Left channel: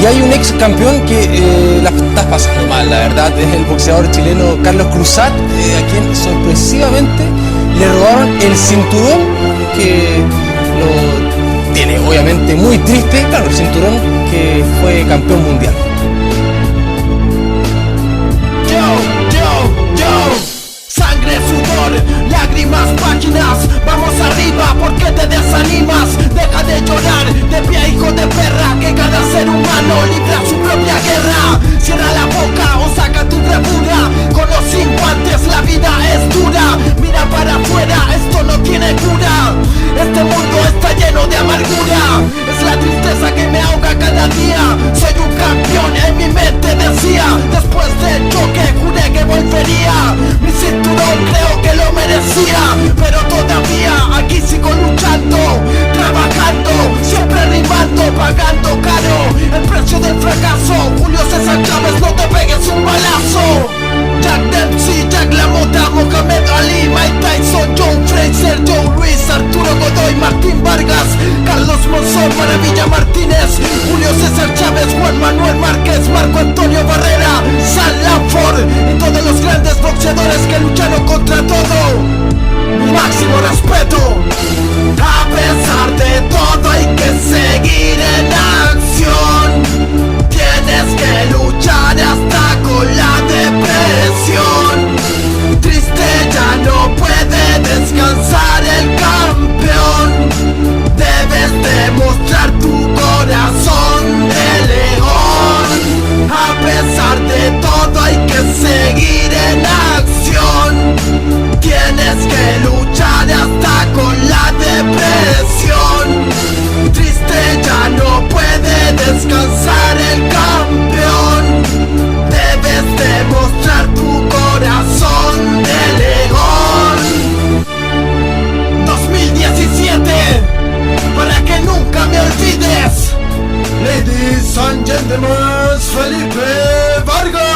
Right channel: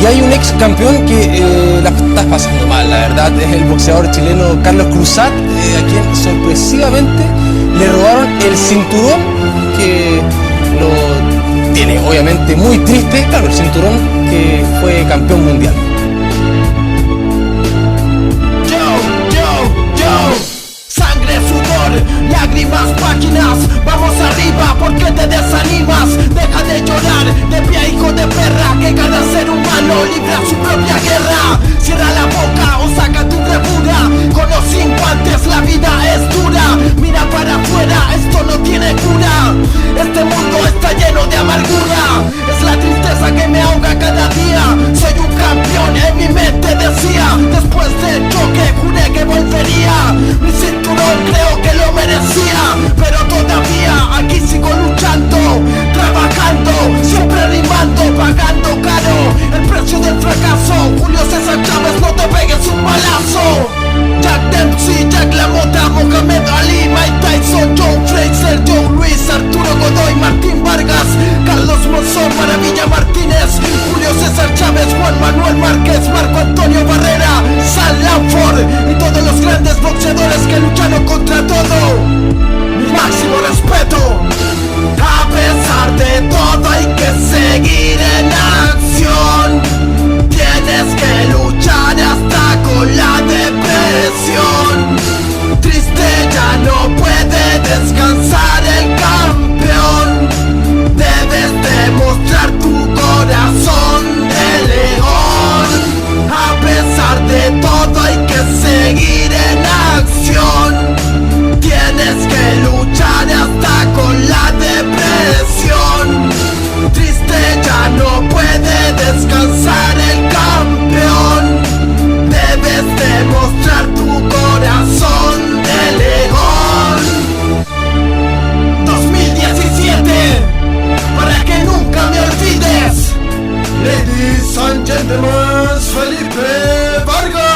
Y hay un ex campeón que la está pasando mal, la verdad, es el boxeador chileno Carlos Cruzat, a quien sorpresivamente le robaron el cinturón, que lo tiene obviamente muy triste, claro, el cinturón que fue campeón mundial. Sangre, sudor, lágrimas, páginas. Vamos arriba, ¿por qué te desanimas? Deja de llorar, de pie hijo de perra. Que cada ser humano libra su propia guerra. Cierra la boca o saca tu bravura. Con o sin guantes la vida es dura. Mira para afuera, esto no tiene cura. Este mundo está lleno de amargura. Es la tristeza que me ahoga cada día. Soy un campeón, en mi mente decía. Después del choque juré que volvería. Mi cinturón creo que lo merecía, pero todavía aquí sigo luchando, trabajando, siempre rimando, pagando caro el precio del fracaso. Julio César Chávez, no te pegues un balazo. Jack Dempsey, Jack LaMotta, Mohamed Ali, Mike Tyson, Joe Fraser, Joe Luis, Arturo Godoy, Martín Vargas, Carlos Monzón, Maravilla Martínez, Julio César Chávez, Juan Manuel Márquez, Marco Antonio Barrera, Sal Lanford y todos los grandes boxeadores que lucharon contra todo. Mi máximo respeto. A pesar de todo hay que seguir en acción. Tienes que luchar hasta con la depresión. Triste ya no puede descansar el campeón. Debes demostrar tu corazón de león. A pesar de todo hay que seguir en acción. Tienes que luchar hasta con la depresión. Triste ya no puede descansar el campeón. Debes demostrar tu corazón de león. 2017, para que nunca me olvides. Ladies and gentlemen, Felipe Vargas.